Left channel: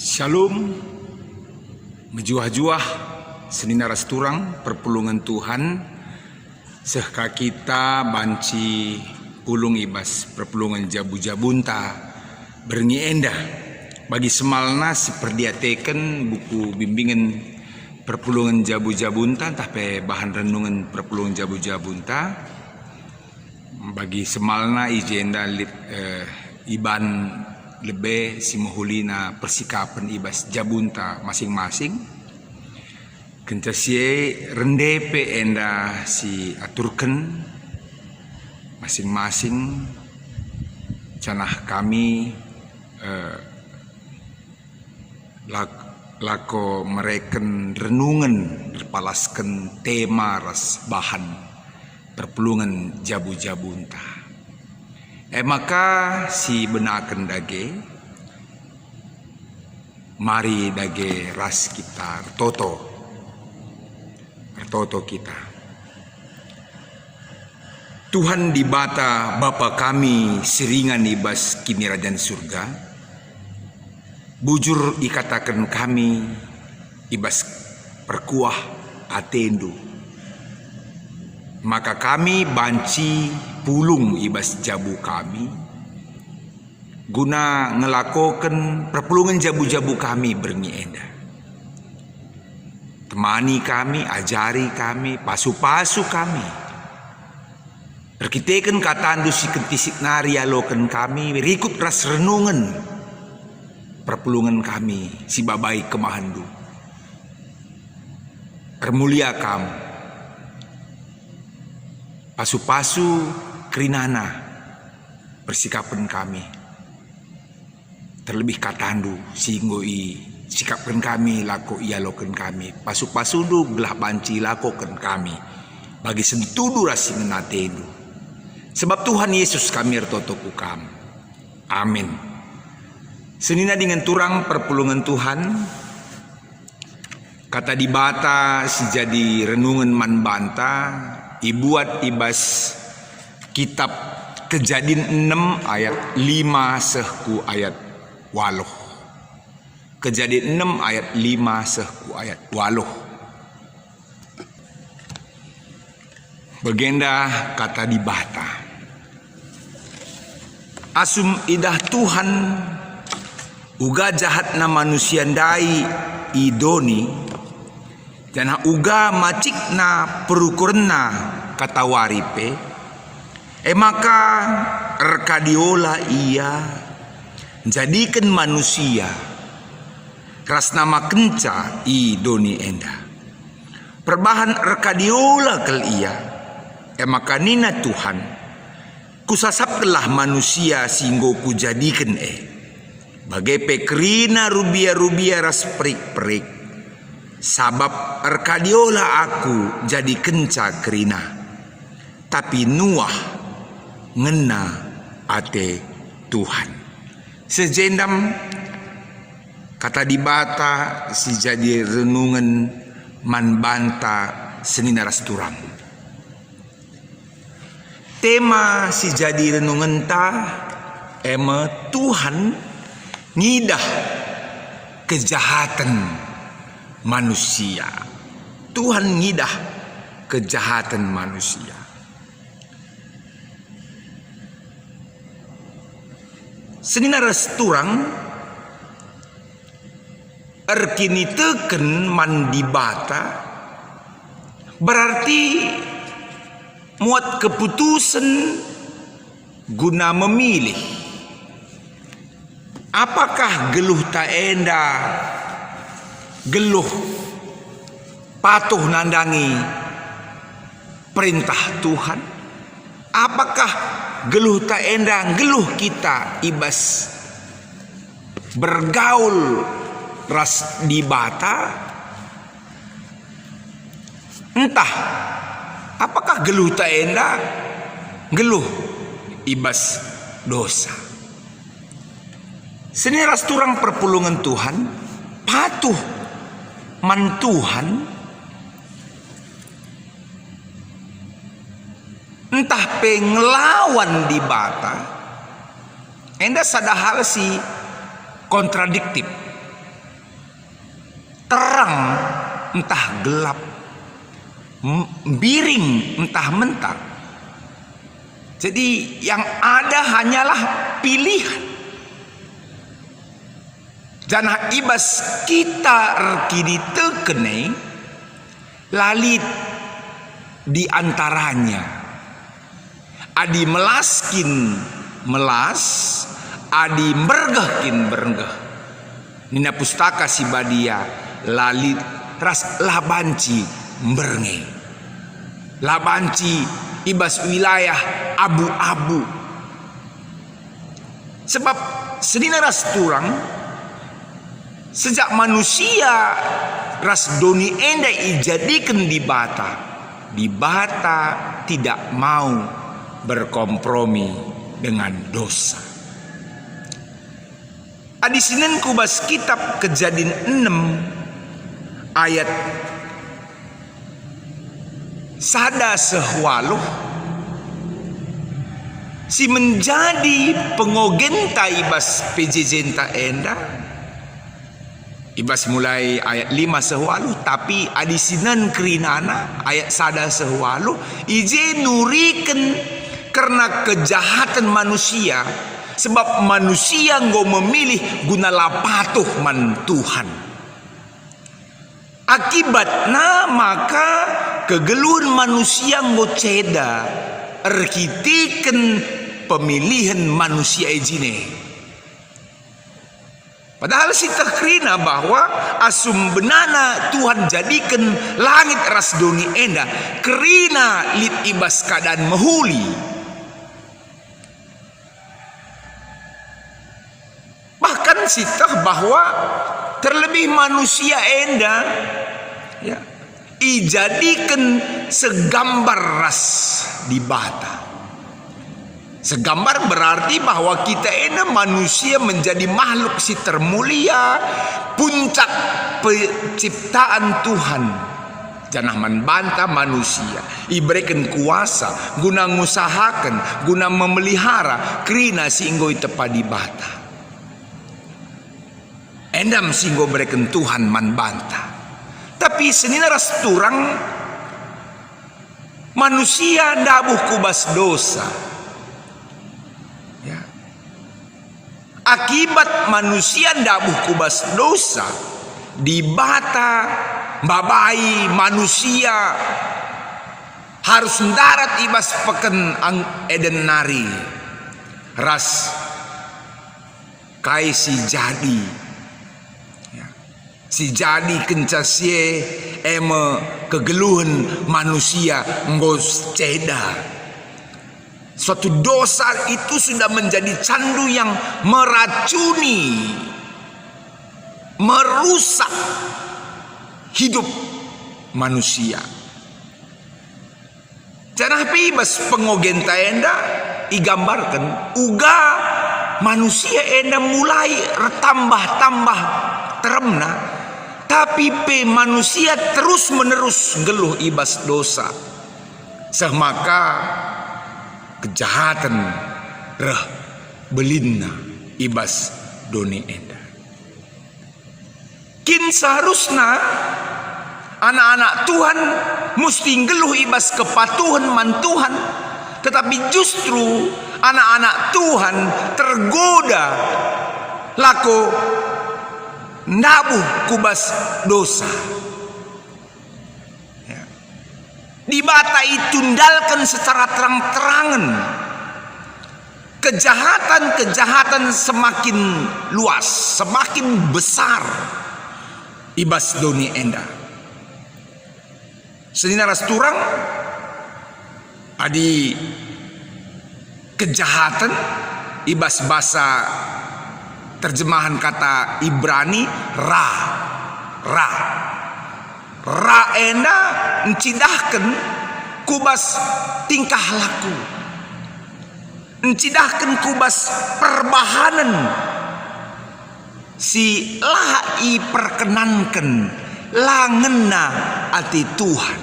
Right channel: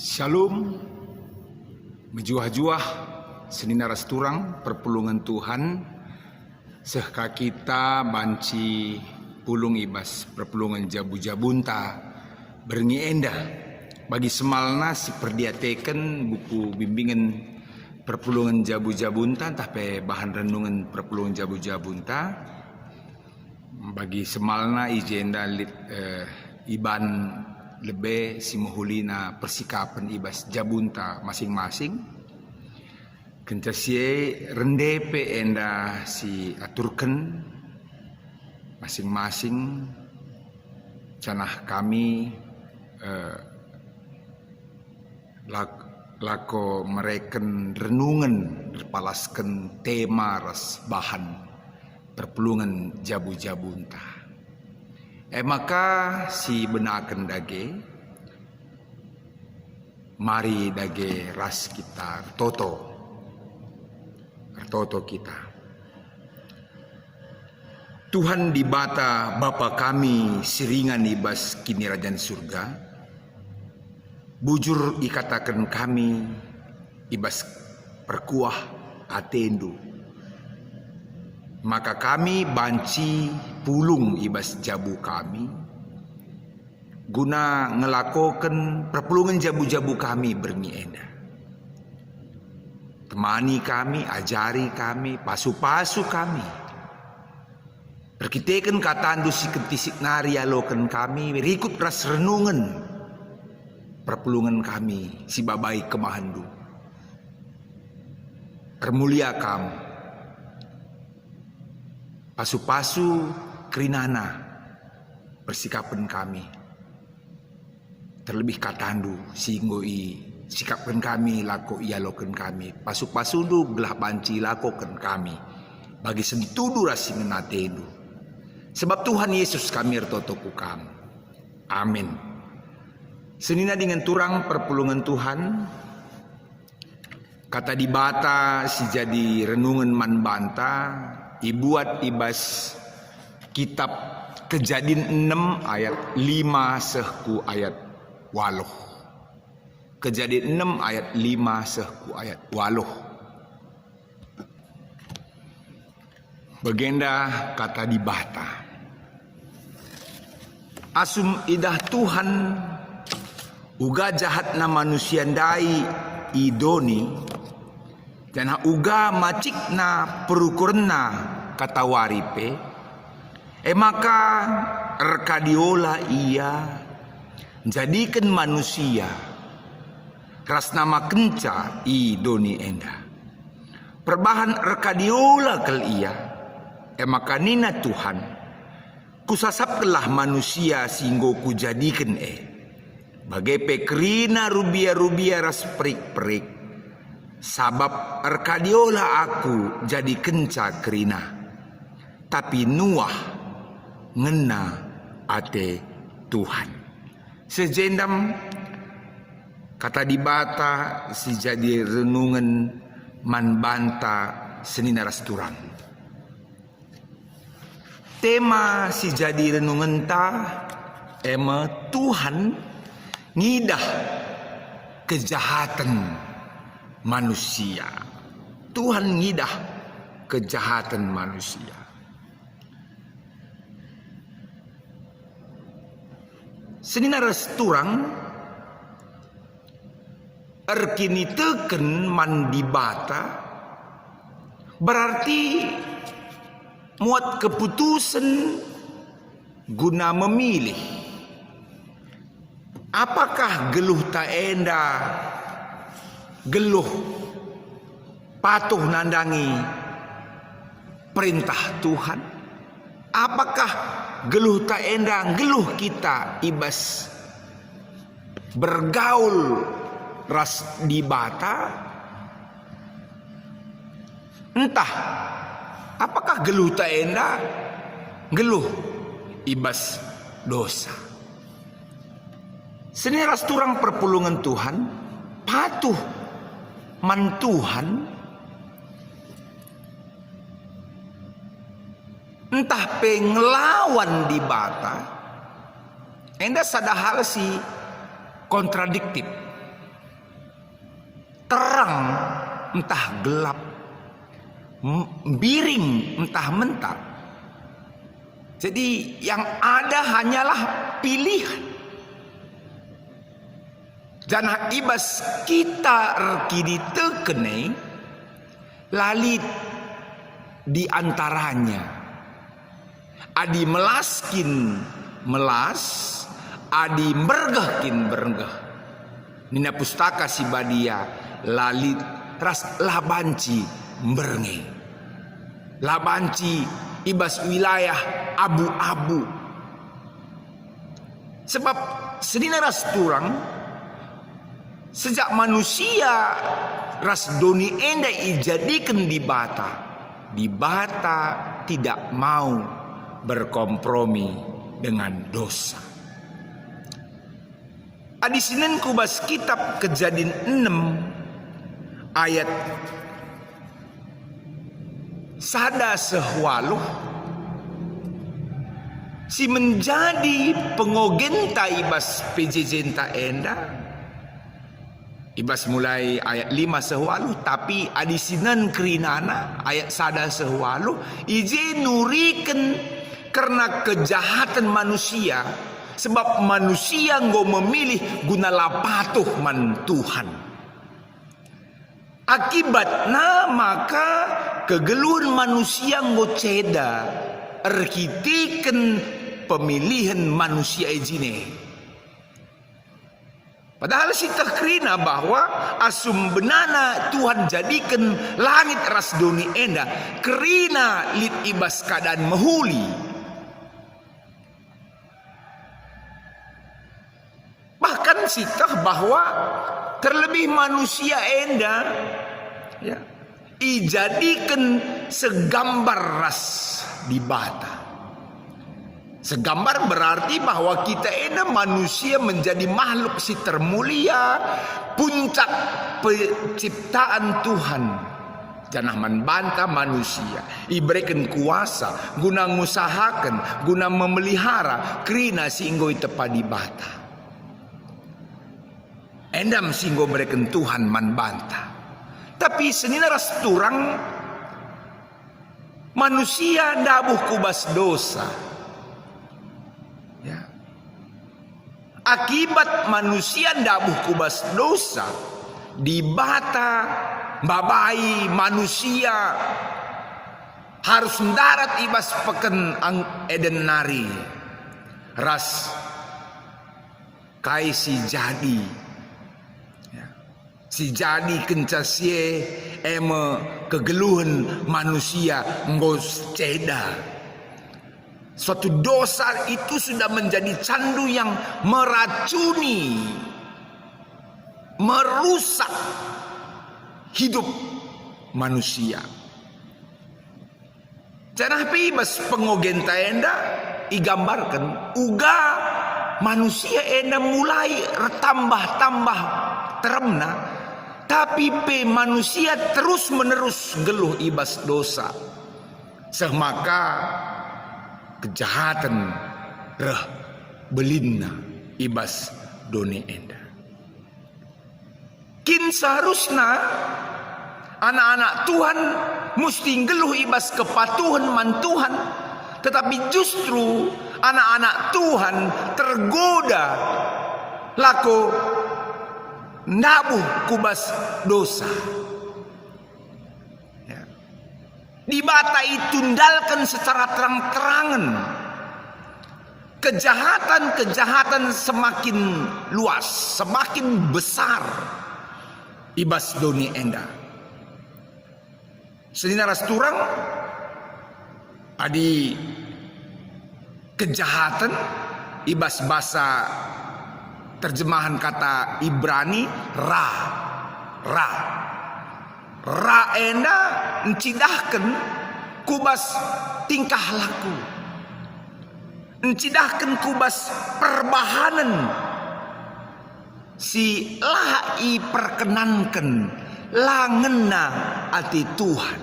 Shalom, mejuah-juah senina rasturang perpulungan Tuhan sehka kita banci pulung ibas perpulungan jabu-jabunta berngi endah bagi semalna seperdiateken buku bimbingan perpulungan jabu-jabunta tapi bahan renungan perpulungan jabu-jabunta bagi semalna ijenda iban lebih si mahulina persikapan ibas jabunta masing-masing kentesie rendepe enda si aturken masing-masing canah kami lako mereken renungan berpalaskan tema ras bahan perpulungan jabu-jabunta. Maka si benaken dage mari dage ras kita toto kita. Tuhan di bata Bapa kami seringan ibas kini rajan surga, bujur ikatakan kami ibas perkuah atendu, maka kami banci pulung ibas jabu kami guna ngelakokan perpulungan jabu-jabu kami berngi endah. Temani kami, ajari kami, pasu-pasu kami. Perkitekan katandu si kentisik nari alokan kami, berikut ras renungan perpulungan kami, si babai kemahandu. Termulia kamu, pasu-pasu kerinana persikapan kami. Terlebih katandu singgoi sikapkan kami lako ia loken kami pasuk-pasundu belah banci lakokan kami bagi sentudu rasing natendu sebab Tuhan Yesus kami ertotoku kam. Amin. Senina dengan turang perpulungan Tuhan kata di bata si jadi renungan man banta ibuat ibas kitab Kejadian 6 ayat 5 sehku ayat 8. Kejadian 6 ayat 5 sehku ayat 8. Begenda kata di bata. Asum idah Tuhan uga jahatna manusia ndai idoni dan uga macikna perukurna kata waripe maka rekadiola ia jadikan manusia ras nama kenca i doni enda perbahan rekadiola kel ia maka nina Tuhan kusasaplah manusia singgo ku jadikan bagai pekrina rubia-rubia ras perik-perik sabab rekadiola aku jadi kenca kerina tapi Nuah ngena ate Tuhan sejendam kata di bata si jadi renungan man banta senina rasturang. Tema si jadi renungan ta Tuhan ngidah kejahatan manusia. Tuhan ngidah kejahatan manusia. Senina rasturang erkini teken mandibata berarti muat keputusan guna memilih apakah geluh tak enda geluh patuh nandangi perintah Tuhan apakah geluh tak enda geluh kita ibas bergaul ras di bata entah apakah geluh tak enda geluh ibas dosa. Seni ras turang perpulungan Tuhan patuh man Tuhan entah pengelawan di bata enda sadahal si kontradiktif terang entah gelap, miring entah mentar. Jadi yang ada hanyalah pilihan. Janah ibas kita kini tekene lalit di antaranya. Adi melaskin melas, adi mergahkin bergah. Nina pustaka si badia lalit ras labanci mbernge. Labanci ibas wilayah abu-abu. Sebab sedina ras turang sejak manusia ras doni enda ijadikan di bata tidak mau berkompromi dengan dosa. Adi sinen kubas kitab Kejadian 6 ayat sada sehwaluh si menjadi pengogenta ibas pejejenta enda. Ibas mulai ayat 5 sehwalu, tapi adisinan kerinana ayat sada sehwalu ije nuriken karena kejahatan manusia, sebab manusia nggo memilih guna lapatuh man Tuhan. Akibatnya maka kegeluhan manusia nggo ceda arkitiken pemilihan manusia ejine. Padahal kita kerina bahwa asum benana Tuhan jadikan langit ras doni enda kerina lit ibas keadaan mehuli. Bahkan sikah bahwa terlebih manusia enda ya, ijadikan segambar ras di bata. Segambar berarti bahwa kita ini manusia menjadi makhluk si termulia, puncak penciptaan Tuhan. Janah membantah manusia, iberikan kuasa, guna ngusahakan, guna memelihara, kerina singgo tepadi bata. Endam singgo berikan Tuhan membantah. Tapi senina ras turang, manusia dabuh kubas dosa. Akibat manusia dabuh kubas dosa, di bata babai manusia harus mendarat ibas peken eden nari ras kai si jadi si jadi kencasie eme kegeluhan manusia ngos ceda. Suatu dosa itu sudah menjadi candu yang meracuni, merusak hidup manusia. Janah pibas pengogenta enda igambarkan uga manusia enda mulai retambah-tambah teremna, tapi pe manusia terus menerus geluh ibas dosa. Semaka kejahatan reh belinna ibas doni enda. Kin seharusnya anak-anak Tuhan mesti geluh ibas kepatuhan man Tuhan, tetapi justru anak-anak Tuhan tergoda lako nabuh kubas dosa. Di bata itundalkan secara terang-terangan. Kejahatan-kejahatan semakin luas, semakin besar. Ibas doni enda. Senina ras turang adi kejahatan ibas bahasa terjemahan kata Ibrani ra enda encidahkan kubas tingkah laku, encidahkan kubas perbahanan si lai perkenankan langena ati Tuhan.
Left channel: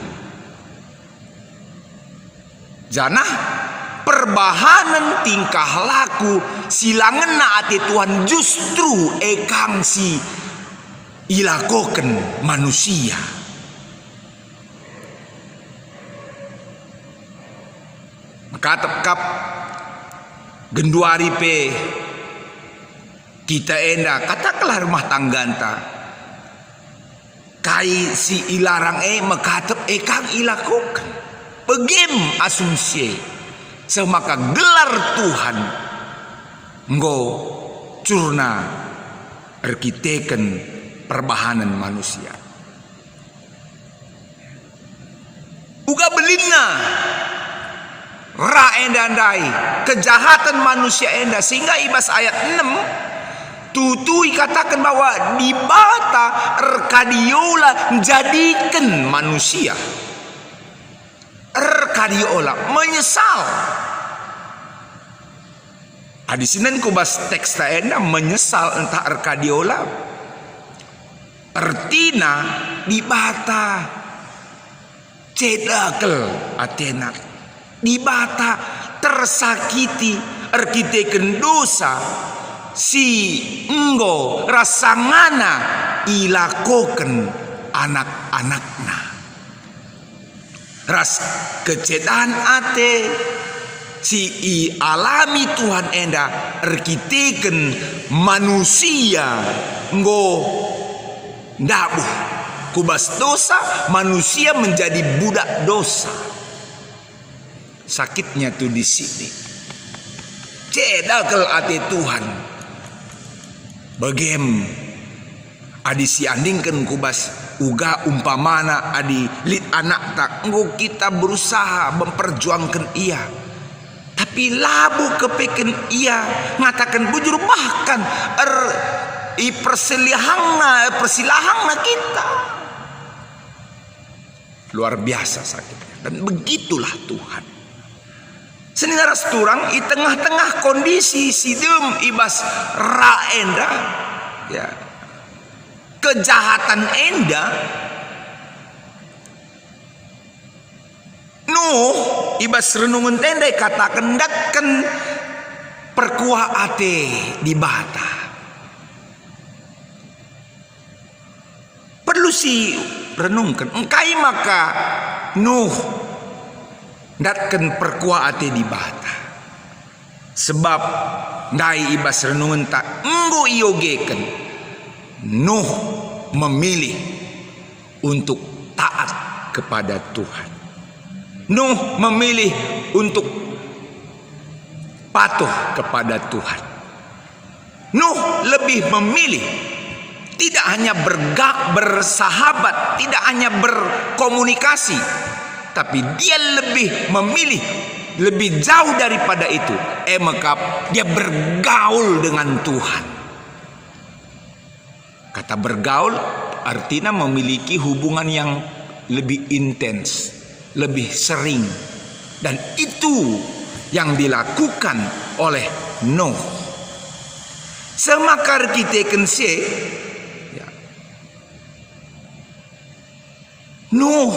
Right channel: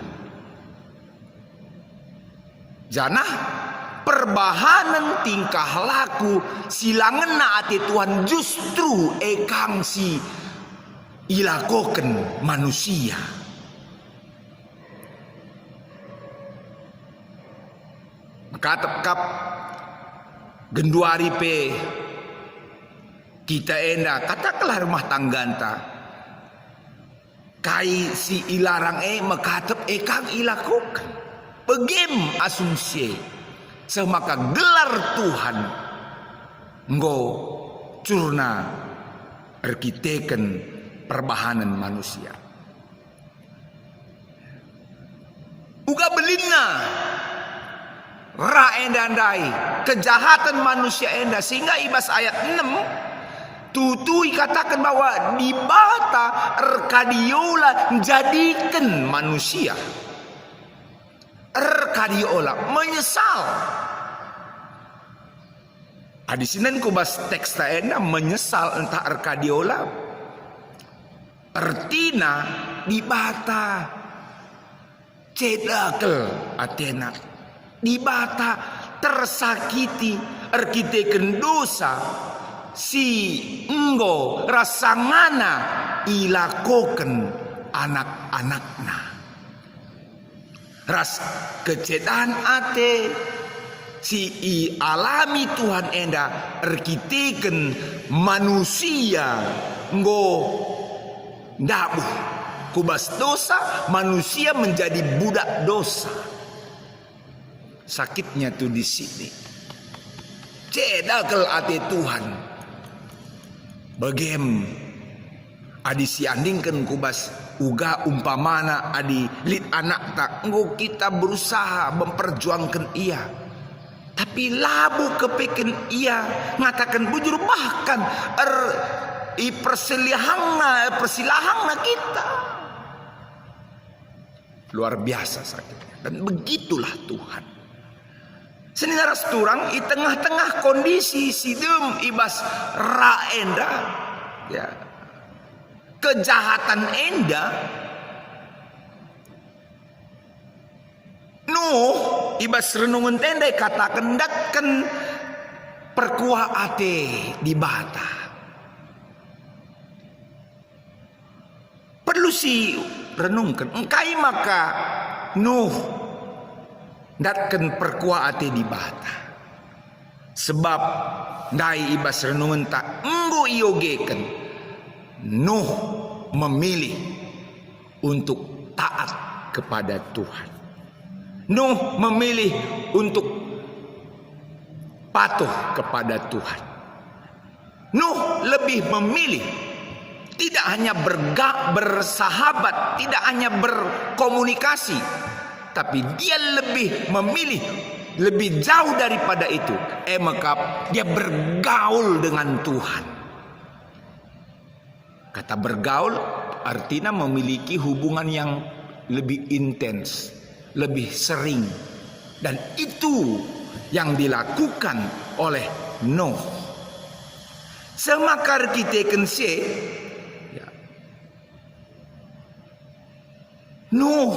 Janah perbahanan tingkah laku si langena ati Tuhan justru ekang si ilakoken manusia. Maka tepkap genduari pe kita enda katakanlah rumah tangganta kai si ilarang makatep kang ilakoken begem asumsi semaka gelar Tuhan nggo curna arkiteken perbahanan manusia uga belina ra enda ndai kejahatan manusia enda sehingga ibas ayat 6 tutui katakan bahwa di bata erkadiola menjadikan manusia erkadiola menyesal di sini kubas teks enda menyesal entah erkadiola ertina di bata cedakel Athena di bata tersakiti arkiteken dosa si enggo rasangana ilakoken anak-anakna ras kecedahan ate si i alami Tuhan enda arkiteken manusia enggo ndabuh kubas dosa manusia menjadi budak dosa. Sakitnya tuh di sini. Cedakel ati Tuhan. Bagem adi si andingken kubas uga umpamana adi lit anak tak enggo kita berusaha memperjuangkan ia. Tapi labu kepeken ia ngatakan bujur bahkan persilahangna kita. Luar biasa sakitnya dan begitulah Tuhan. Senina rasturang di tengah-tengah kondisi sidem ibas ra enda ya kejahatan enda Nuh ibas renungun tenda katakan dakkan perkuah ate di bata perlu si renungkan engkai maka Nuh datken perkuah ate di bata sebab ngai ibas renungan tak enggo iogeken Nuh memilih untuk taat kepada Tuhan. Nuh memilih untuk patuh kepada Tuhan. Nuh lebih memilih tidak hanya bersahabat, tidak hanya berkomunikasi, tapi dia lebih memilih lebih jauh daripada itu. Maka dia bergaul dengan Tuhan. Kata bergaul artinya memiliki hubungan yang lebih intens, lebih sering. Dan itu yang dilakukan oleh Nuh. Semakar kita kense Nuh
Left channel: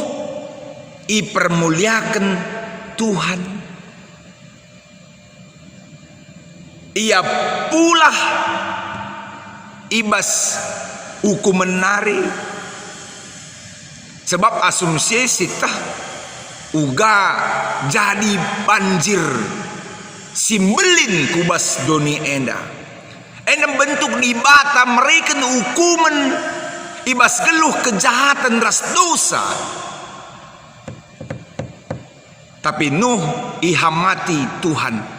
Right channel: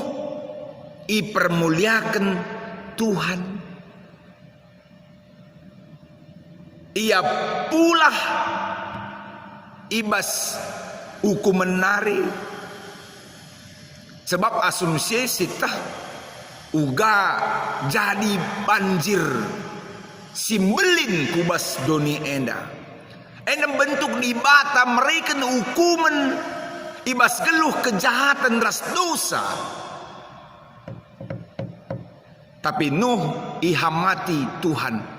ipermuliakan Tuhan. Ia pula ibas hukum menari. Sebab asumsi sitah uga jadi banjir simbelin kubas doni enda. Enda bentuk di bata mereka hukuman ibas geluh kejahatan ras dosa. Tapi Nuh ihamati Tuhan.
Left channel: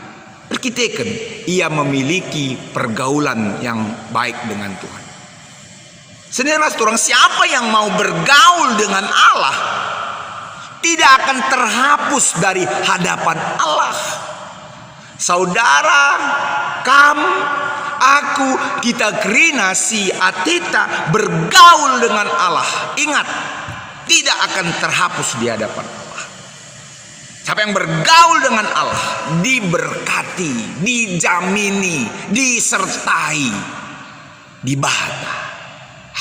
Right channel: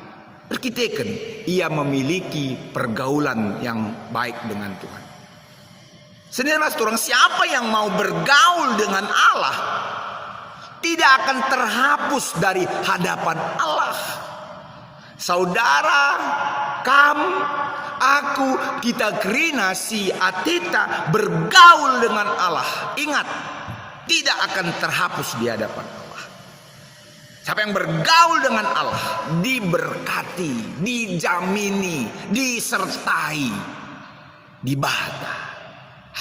Perkitakan ia memiliki pergaulan yang baik dengan Tuhan. Sebenarnya orang siapa yang mau bergaul dengan Allah tidak akan terhapus dari hadapan Allah. Saudara, kamu, aku, kita kerina si Atita bergaul dengan Allah. Ingat, tidak akan terhapus di hadapan Allah. Siapa yang bergaul dengan Allah diberkati, dijamini, disertai, dibahagi.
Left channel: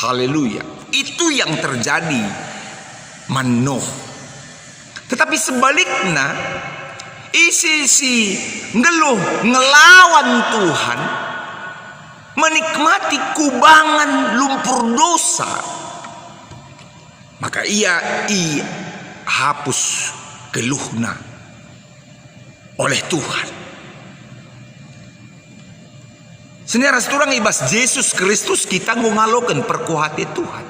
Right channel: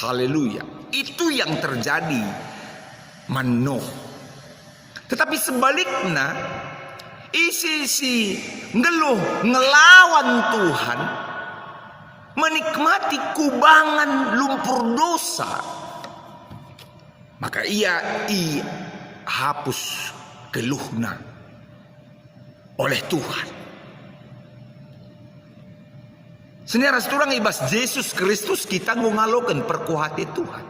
Haleluya. Itu yang terjadi Nuh. Tetapi sebaliknya isi ngeluh ngelawan Tuhan menikmati kubangan lumpur dosa, maka ia hapus keluhna oleh Tuhan. Saudara seturang ibas Yesus Kristus kita ngaloken perkuhati Tuhan.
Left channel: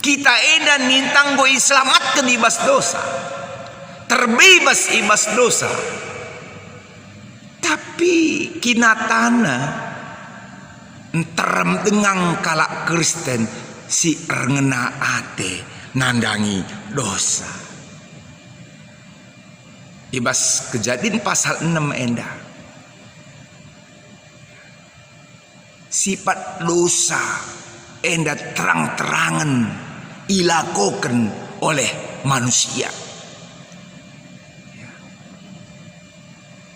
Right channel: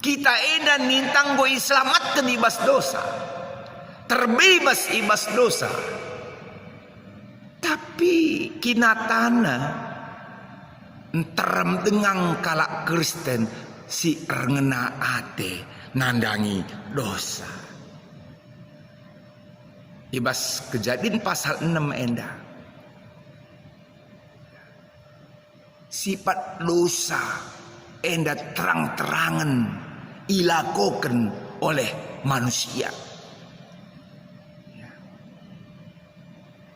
Kita edan nintang go selamatkan ibas dosa, terbebas ibas dosa. Tapi kinatana enterem dengan kalak Kristen si rengena ate nandangi dosa. Ibas Kejadian pasal 6 endah. Sifat dosa endah terang-terangan ilakokan oleh manusia.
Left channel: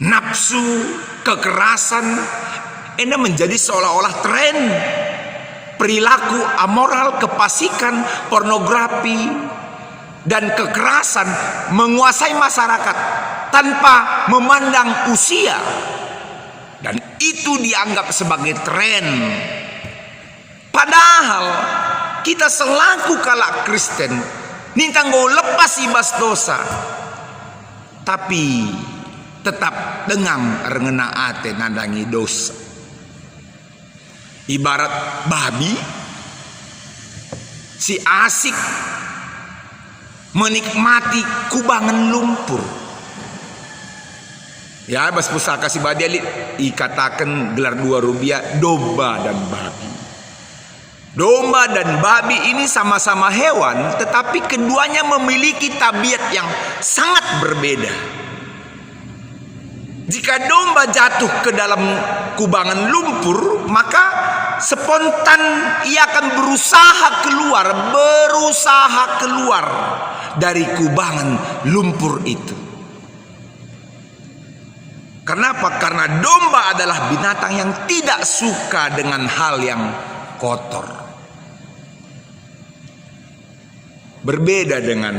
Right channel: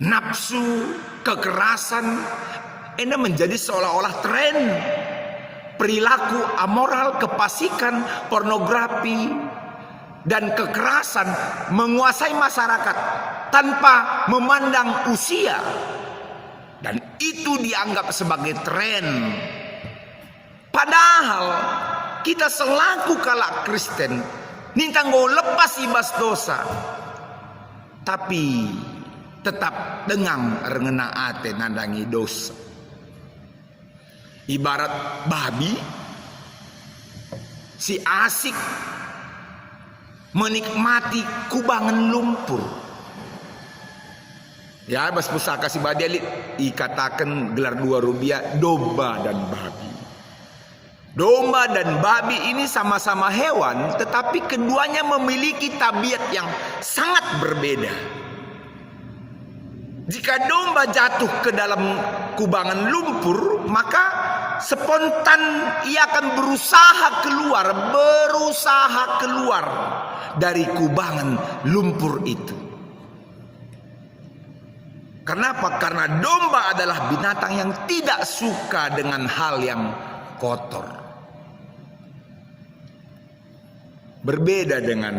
Nafsu, kekerasan ini menjadi seolah-olah tren. Perilaku amoral, kefasikan, pornografi, dan kekerasan menguasai masyarakat tanpa memandang usia. Dan itu dianggap sebagai tren. Padahal kita selaku kalak Kristen nintang go lepas ibas dosa, tapi tetap dengan rengena ate nandangi dosa. Ibarat babi si asik menikmati kubangan lumpur. Ya, bas pusaka si badiali ikatakan gelar dua rubiah domba dan babi. Domba dan babi ini sama-sama hewan, tetapi keduanya memiliki tabiat yang sangat berbeda. Jika domba jatuh ke dalam kubangan lumpur, maka spontan ia akan berusaha keluar dari kubangan lumpur itu. Kenapa? Karena domba adalah binatang yang tidak suka dengan hal yang kotor. Berbeda dengan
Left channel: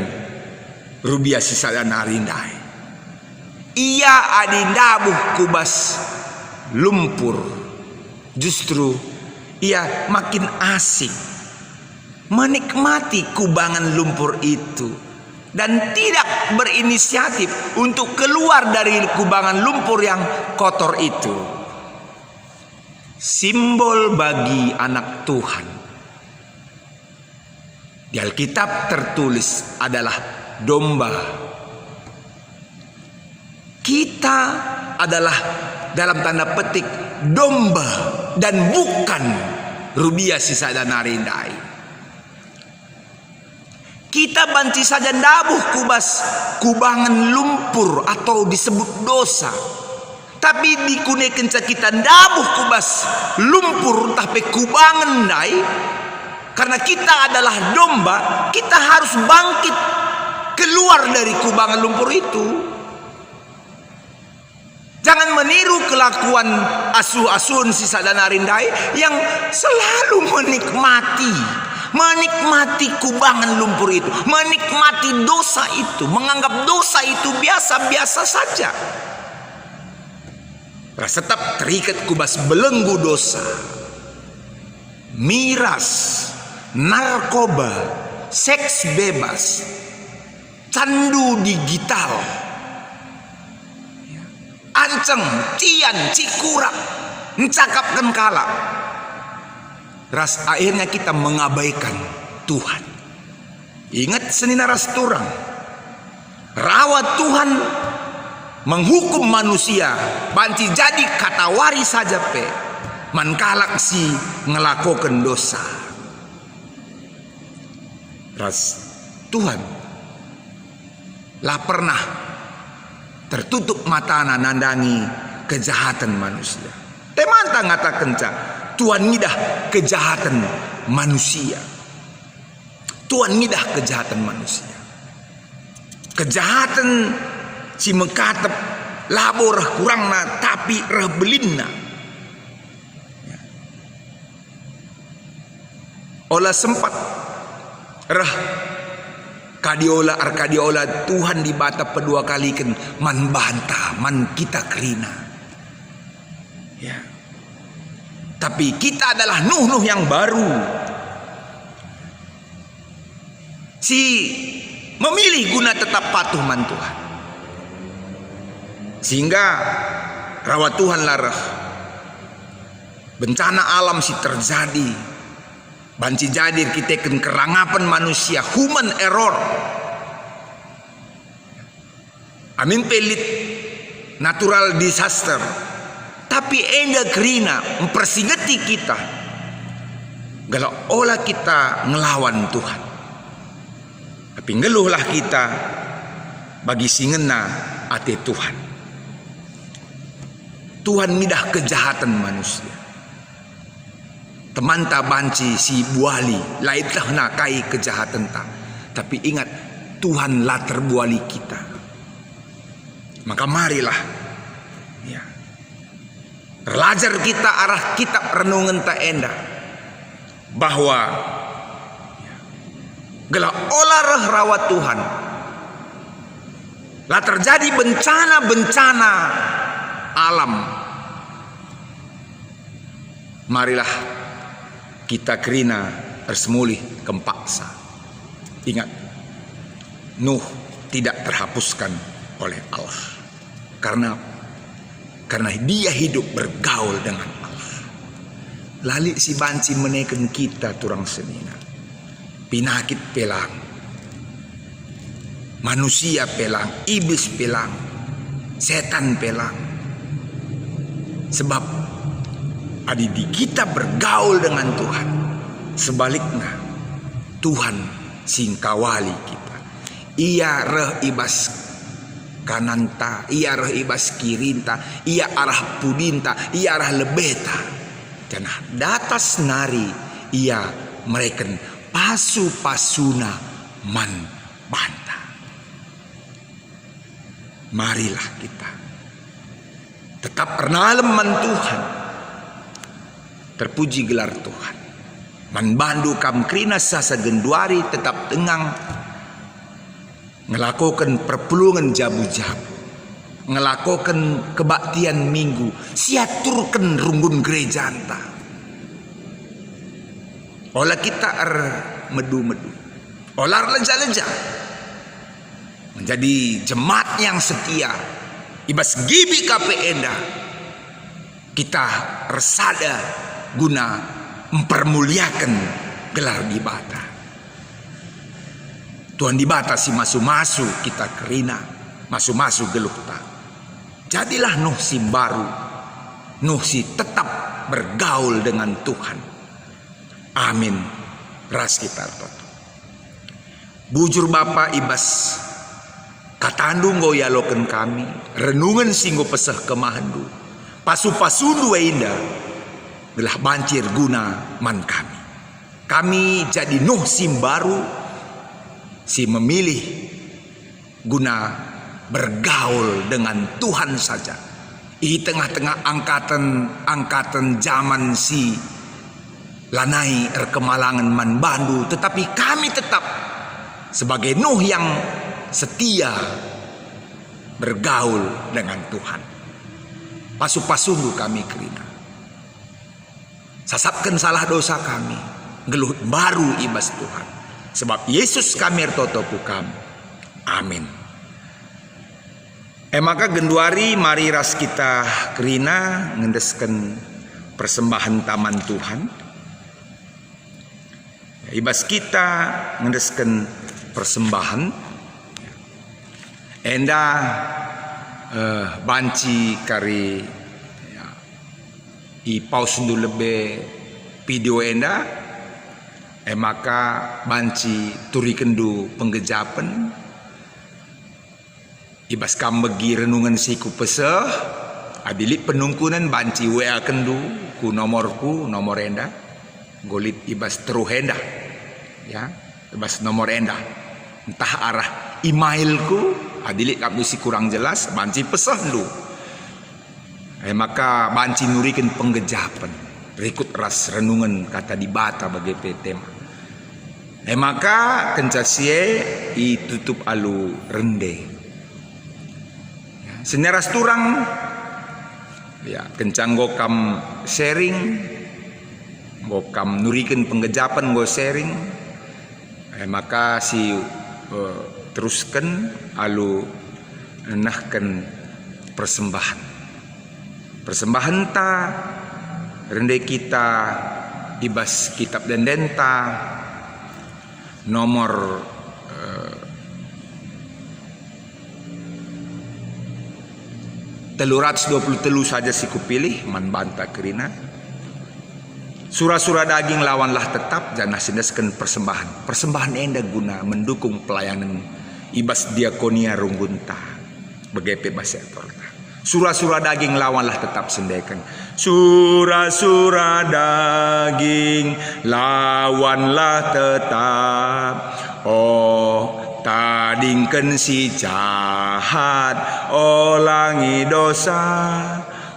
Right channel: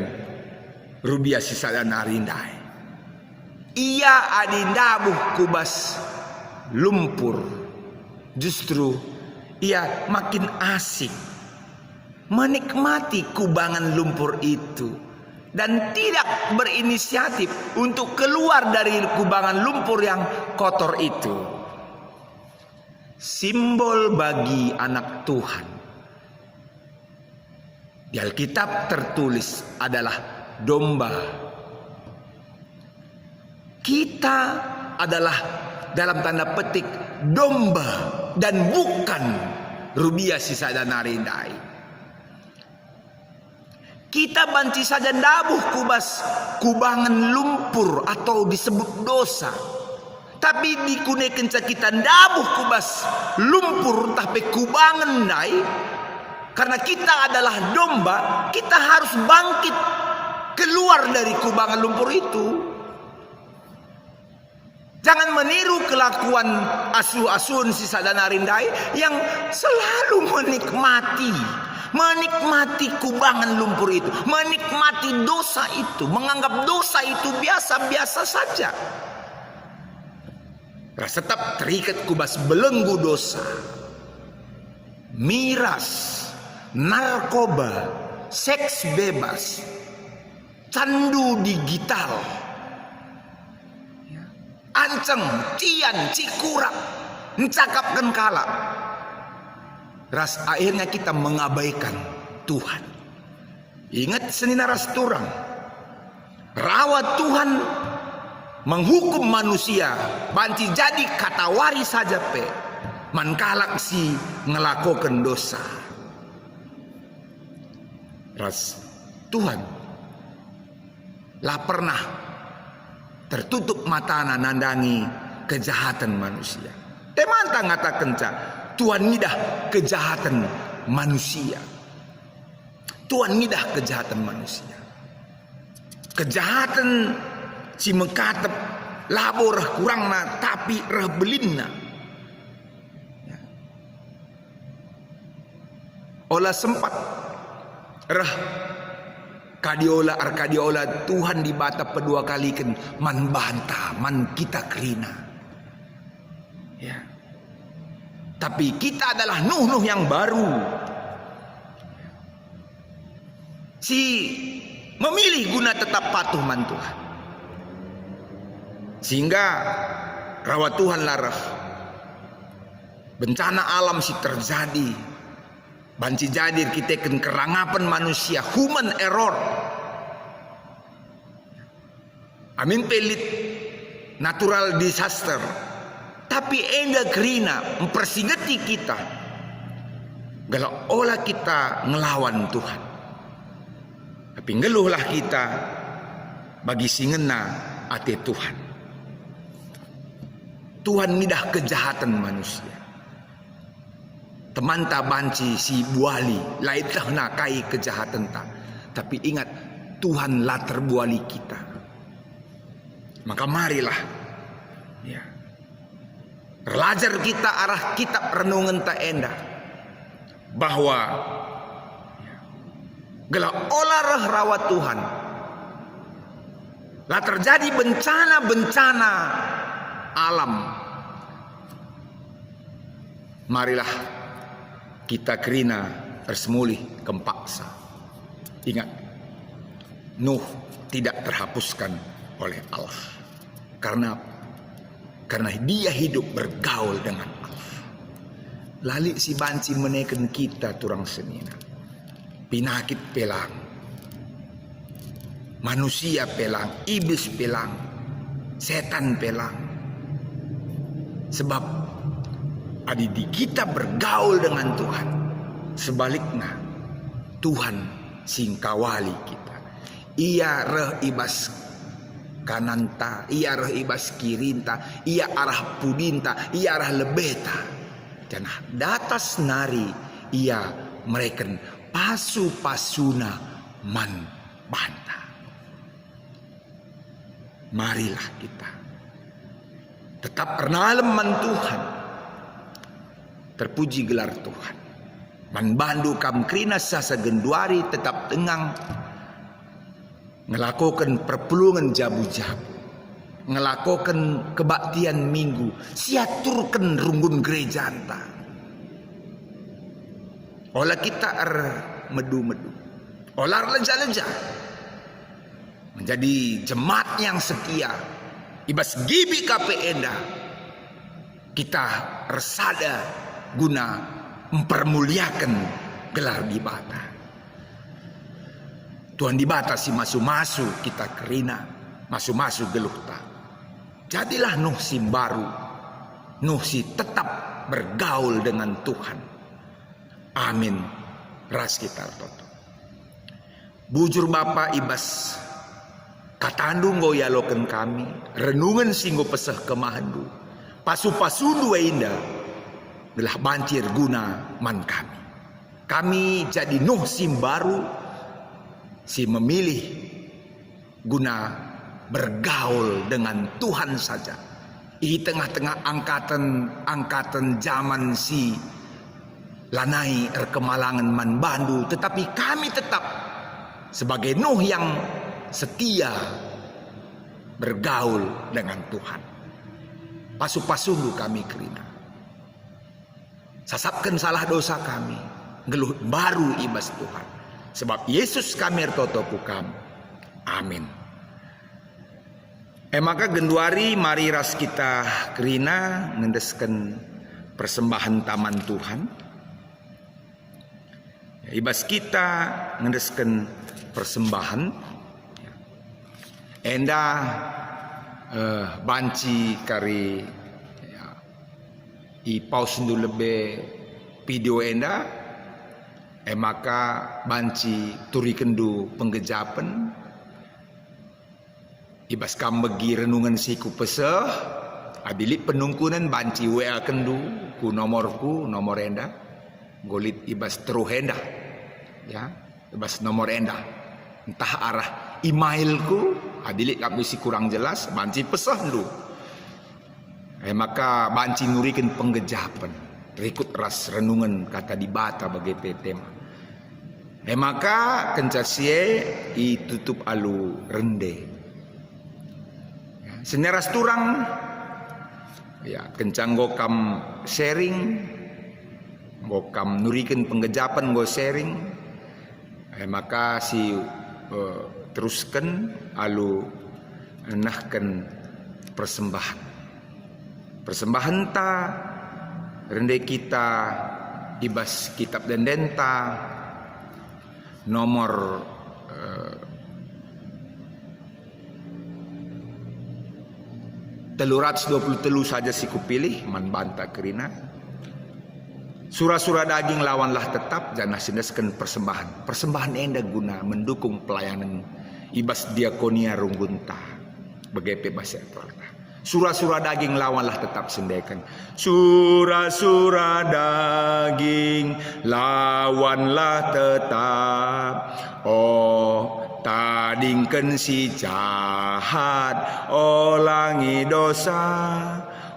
rubiah sisa dan arindai. Ia adindabuh kubas lumpur. Justru ia makin asik menikmati kubangan lumpur itu dan tidak berinisiatif untuk keluar dari kubangan lumpur yang kotor itu. Simbol bagi anak Tuhan di Alkitab tertulis adalah domba. Kita adalah dalam tanda petik domba dan bukan rubiah sisa dan arindai. Kita banci saja dabuh kubas kubangan lumpur atau disebut dosa. Tapi dikunekan kita dabuh kubas lumpur tapi kubangan dai. Karena kita adalah domba, kita harus bangkit keluar dari kubangan lumpur itu. Jangan meniru kelakuan asuh-asuhan sisa dan arindai yang selalu menikmati kubangan lumpur itu, menikmati dosa itu, menganggap dosa itu biasa-biasa saja. Rasa tetap terikat kubas belenggu dosa, miras, narkoba, seks bebas, candu digital, anceng, cian, cikurak, mencakapkan kalak. Ras akhirnya kita mengabaikan Tuhan. Ingat senina ras turang, rawat Tuhan menghukum manusia, banci jadi katawari saja pe, mankalak si ngelakukan dosa. Ras Tuhan lah pernah tertutup matana nandangi kejahatan manusia. Temanta ngatakan Tuhan midah kejahatan manusia. Tuhan midah kejahatan manusia. Kejahatan si mekatep labor kurangna tapi reh belinna. Olah sempat reh kadiola Tuhan dibatap kedua kali kan man bantah man kita kerina. Ya. Tapi kita adalah Nuh yang baru. Si memilih guna tetap patuh man Tuhan. Sehingga rawat Tuhan larah bencana alam si terjadi. Banci jadir kita ken kerangapan manusia, human error. Amin pelit natural disaster. Tapi enda kerina mempersingeti kita. Kalau olah kita ngelawan Tuhan. Tapi ngeluhlah kita bagi singena ate Tuhan. Tuhan midah kejahatan manusia. Teman ta banci si buali, laitlah nakai kejahatan ta. Tapi ingat, Tuhan lah terbuali kita. Maka marilah ya, belajar kita arah kitab renungan ta enda bahwa ya, gela olah rawat Tuhan lah terjadi bencana-bencana alam. Marilah kita kerina bersemulih kempaksa. Ingat, Nuh tidak terhapuskan oleh Allah. Karena dia hidup bergaul dengan Allah. Lali si banci menekan kita turang senina. Pinakit pelang. Manusia pelang, iblis pelang, setan pelang. Sebab di kita bergaul dengan Tuhan. Sebaliknya Tuhan singkawali kita. Ia reh ibas kananta, ia reh ibas kirinta, ia arah pudinta, ia arah lebeta. Dan datas nari ia mereken pasu-pasuna man banta. Marilah kita tetap pernalem man Tuhan. Terpuji gelar Tuhan. Man bandu kam krina sasa genduari tetap tengang. Ngelakukan perpulungan jabu-jabu. Ngelakukan kebaktian minggu. Siaturkan runggun gereja anta. Olah kita medu-medu. Olah leja-leja. Menjadi jemaat yang setia. Ibas gibi kape enda. Kita resada guna mempermuliakan gelar dibata. Tuhan dibata si masu-masu kita kerina, masu-masu geluh tak. Jadilah Nuh si baru, Nuh si tetap bergaul dengan Tuhan. Amin. Ras kita toto. Bujur Bapa ibas katandu ngoyaloken kami, renungan singgo peseh kemahandu, pasu-pasundu indah. Belah bancir guna man kami. Kami jadi Nuh si baru, si memilih guna bergaul dengan Tuhan saja. Di tengah-tengah angkatan zaman si lanai erkemalangan man bandu, tetapi kami tetap sebagai Nuh yang setia bergaul dengan Tuhan. Pasu-pasundu kami kerina. Sasapkan salah dosa kami. Geluh baru ibas Tuhan. Sebab Yesus kami ertotoku kami. Amin. Maka genduari mari ras kita kerina ngendesken persembahan taman Tuhan. Ibas kita ngendesken persembahan. Enda banci kari i paus dulu lebih video enda maka banci turi kendu penggejapan ibas kambegi renungan siku peseh abilik penungkunan banci WA kendu ku nomor enda golit ibas teruh enda ya ibas nomor enda entah arah emailku abilik kabisi kurang jelas banci peseh du. Maka banci nurikan penggejapan berikut ras renungan kata dibata bagi tema. Maka kencasie itutup alu rende. Seneras turang ya kencanggo kam sharing go kam nurikan penggejapan go sharing, maka si teruskan alu nahkan persembahan ta rendai kita ibas kitab dan denta nomor 323 saja si kupilih man banta kerina. Surah-surah daging lawanlah tetap jangan sindaskan persembahan. Persembahan enda guna mendukung pelayanan ibas diakonia rungunta. Begepe bahasa Torta. Surah-surah daging lawanlah tetap sendekan. Surah-surah daging lawanlah tetap. Oh, tadingken si jahat olangi dosa.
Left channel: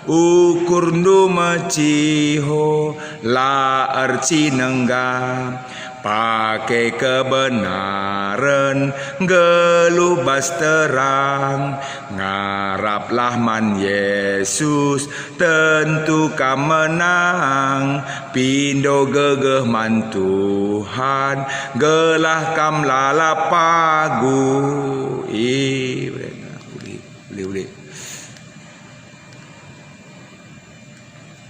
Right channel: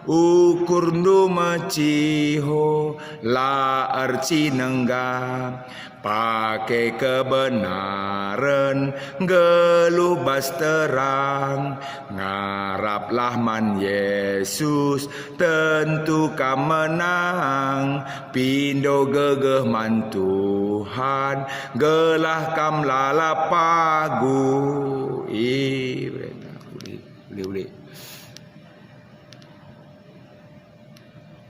Ukur ndu maciho la arci nenggam pakai kebenaran gelubas terang ngaraplah man Yesus tentu kam menang pindo gegeh man Tuhan gelah kam lalapagu